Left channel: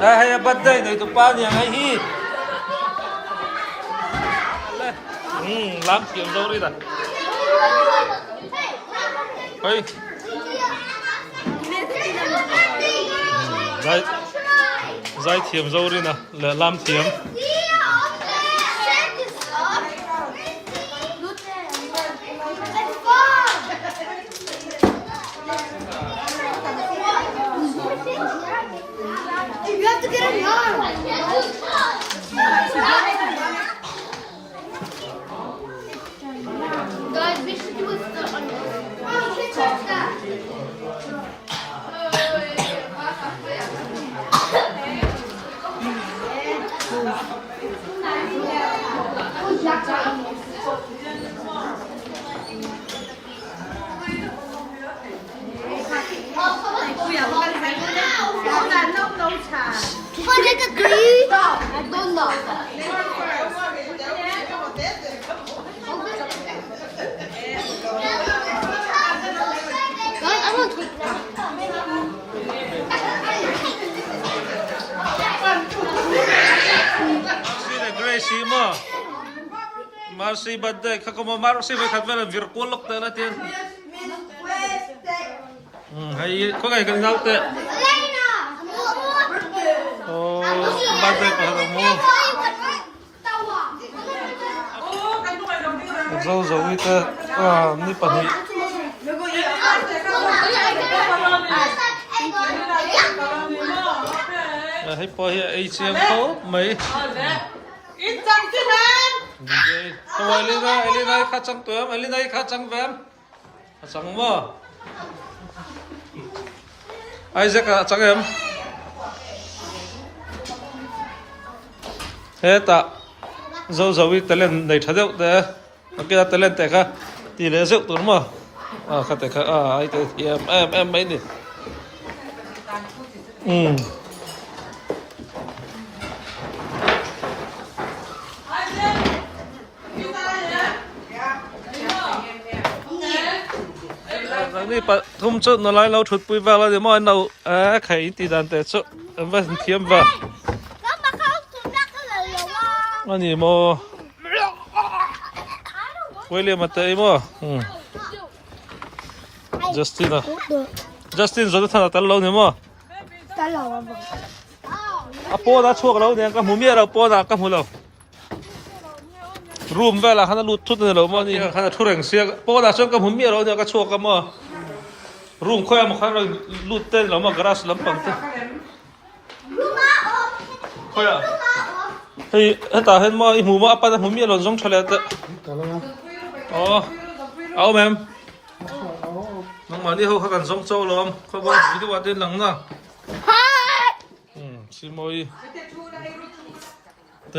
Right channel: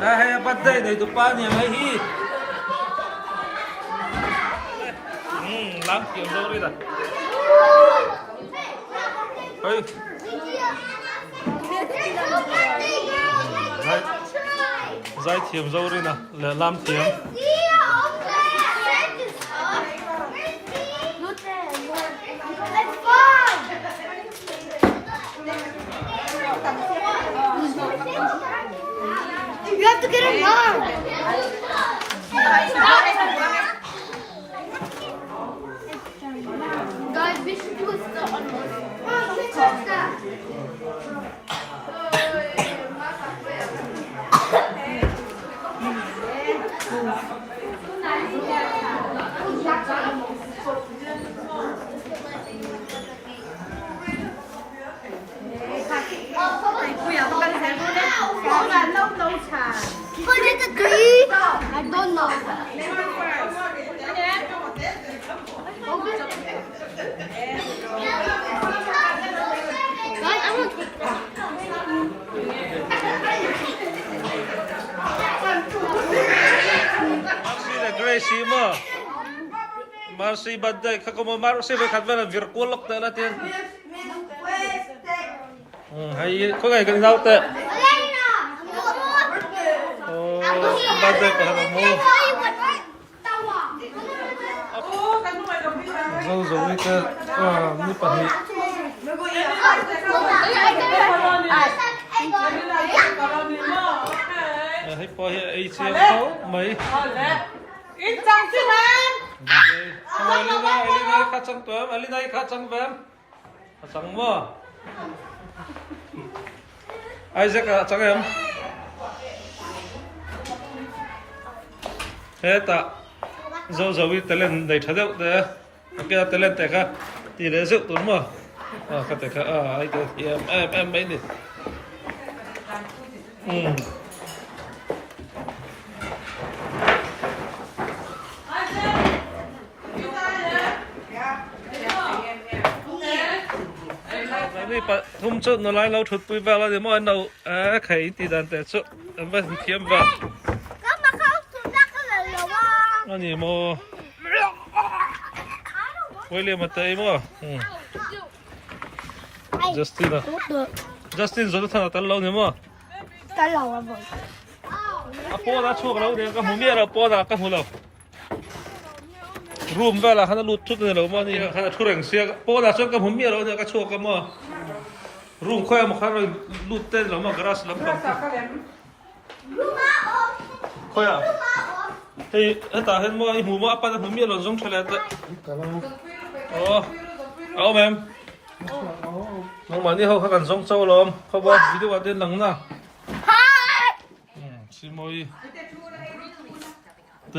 Hay bắt đây này tụi ba nhà hay hi. Làm kiếm đâu đi ta. Ơi. Giải thiểm dâu đi nè, là làm thiểm. You have to get him hard. Guys, we should do a step on this. Grecy'i mà Marcy'i bắt đây các con Marcy'i phải khát về là việc cuốn lốc tới là tiền hay có ngày cần nhau tệ bắt đây có hàng mua dâu dâu như thế như bản hiệu hay bỏ hiện ấy chiếng khấu mấy không ai lên đây khát trăng tuém ai lên đây khát trăng vém khát trăng mơ ai sẽ khát trăng em thế ta dâu dâu đi tới lên đầy tháo rượu thế kia tới lên tại cả thì lấy rượu tuấn mà khát tại cả ai thì em mấy điนี่ปะทุ่มจุดนอนไล่เราชุดปุยว่าเราเดี๋ยวมันเอาไข่ตีดันแต่ชุดว่าเทียมว่าอันนี้โมไว้เรียนมาเตยโมจัสตินอ่ะจัสตินสุดท้ายตลอดเนี่ยโมป้อน่าช่วยเราเนี่ยก็มุ่งเมียเราป้อน่าก็มุ่งเรารูมเวลาขนาดลุดทุกเนี่ยเราโมนี่ขนาดทุเรงเสียป้อน่าช่วยก็มุ่งเมียเราเนี่ยก็ช่วยกันโมรูมค่อยมาข้างเราลุดเต้นเรามากระสลำปังค่อยเฮ้ยตาเห็นมั้ยหูมาอัปปะนะหูมีเราต้องเฉลี่ยแต่อ๋อเอาแม่น้องมันนี่เขากันส่งโซ่ลมเขาบอกวิธีวัดเดินหลังนะสิมอยเต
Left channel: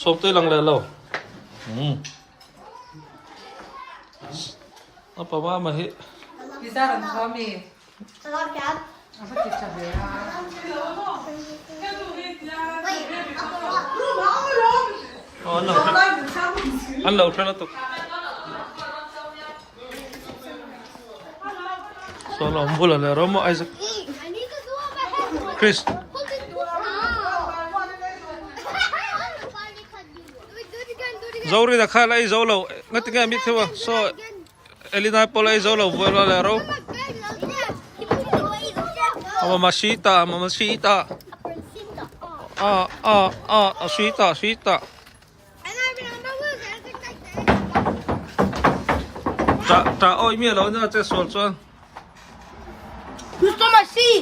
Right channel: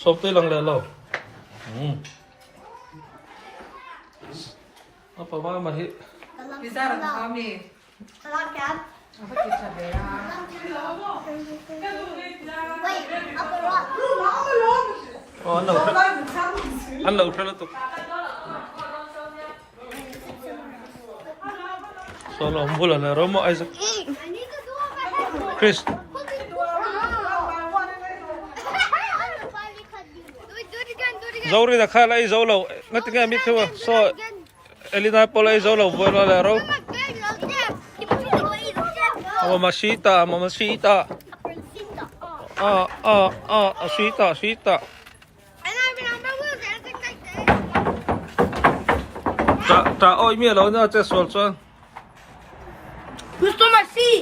ชอบเตหลังเลยเราเอาปะว่ามาฮิพิซซ่าของเขามีอันเราเท่านั้นตุกสอนเราพูดอะไรเราไม่ไอ้สักคริสZaury na khala ay zawlaw ngati nga mit hewa so elina pola ay zawlaw wala laro Mamacita sweeta ta oi mi lo na che sol chuan Who's the Marcy'i?